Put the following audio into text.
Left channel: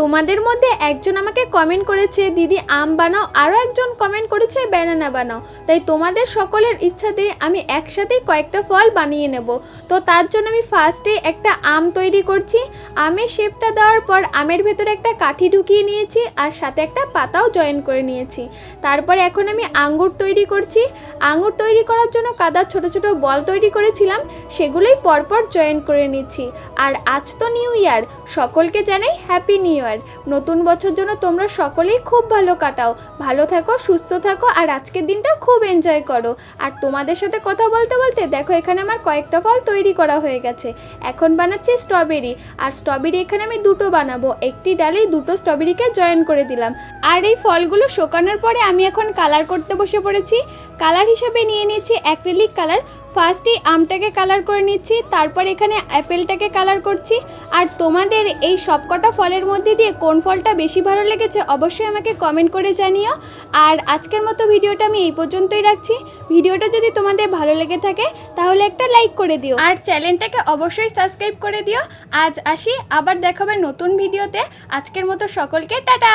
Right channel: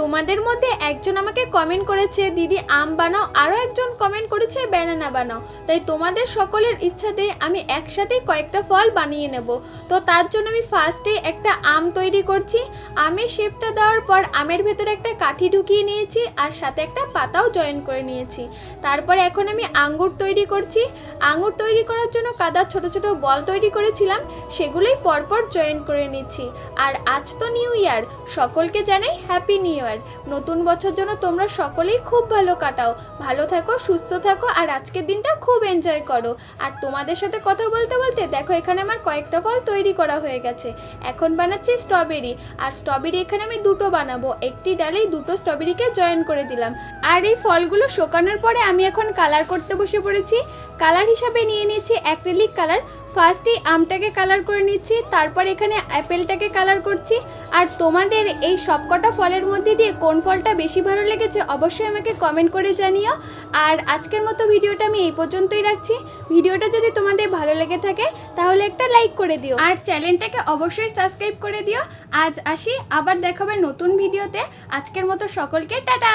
তোমাদের মধ্যে একজন আমাকে কমেন্ট করেছে, দিদি, আম বানাও। আরও একজন কমেন্ট করেছে ব্যানানা বানাও। তাই তোমাদের সকলের ইচ্ছাতে আমি একসাথেই কয়েকটা ফল বানিয়ে নেব। তো তার জন্য আমি ফার্স্টে একটা আম তৈরি করছি। আমের শেপটা দেওয়ার পর আমের ভেতরে একটা কাঠি ঢুকিয়ে নিয়েছি আর সাথে একটা পাতাও জয়েন করে নিয়েছি। তারপরে এখন আমি আঙ্গুর তৈরি করছি। আঙ্গুর তৈরি করার জন্য কাদার ছোট ছোট বল তৈরি করেছিলাম, সেগুলোই পরপর জয়েন করে নিচ্ছি। আর আজ তো নিউ ইয়ার সকলকে জানাই হ্যাপি নিউ ইয়ার নতুন বছর জন্য তোমরা সকলেই খুব ভালো কাটাও। ভালো থাকো, সুস্থ থাকো, আর আজকের দিনটা খুব এনজয় করো। আর তোমাদের সাথে কথা বলতে বলতে দেখো এখানে আমার কয়েকটা ফল তৈরি করা হয়ে গেছে। এখন বানাচ্ছি স্ট্রবেরি আর স্ট্রবেরি এখানে আমি দুটো বানাবো। একটি ডালে দুটো স্ট্রবেরিকে জয়েন করে দিলাম। আর এই ফলগুলো শোকানোর পরে আমি এখন কালার করতে বসে পড়েছি। কালার হিসাবে নিয়ে নিয়েছি অ্যাক্রিলিক কালার ফার্স্টে আমটাকে কালার করে নিচ্ছি, তারপর এখানে অ্যাপেলটাকে কালার করছি। আর তোমাদের এই সবকটা ফলের মধ্যে দিয়ে কোন ফলটা বেশি ভালো লেগেছে অবশ্যই আমাকে কমেন্ট করে জানিও। আর আজকের মতো ভিডিওটা আমি এই পর্যন্তই রাখছি। ভিডিওটা যদি তোমাদের ভালো লেগে থাকে, তাহলে একটা লাইক করে দিও। আর চ্যানেলটাকে অবশ্যই সাবস্ক্রাইব করে দিও। আজ আসি, আবার দেখাবে নতুন ভিডিওতে। আজকের মতো সকলকে টাটা!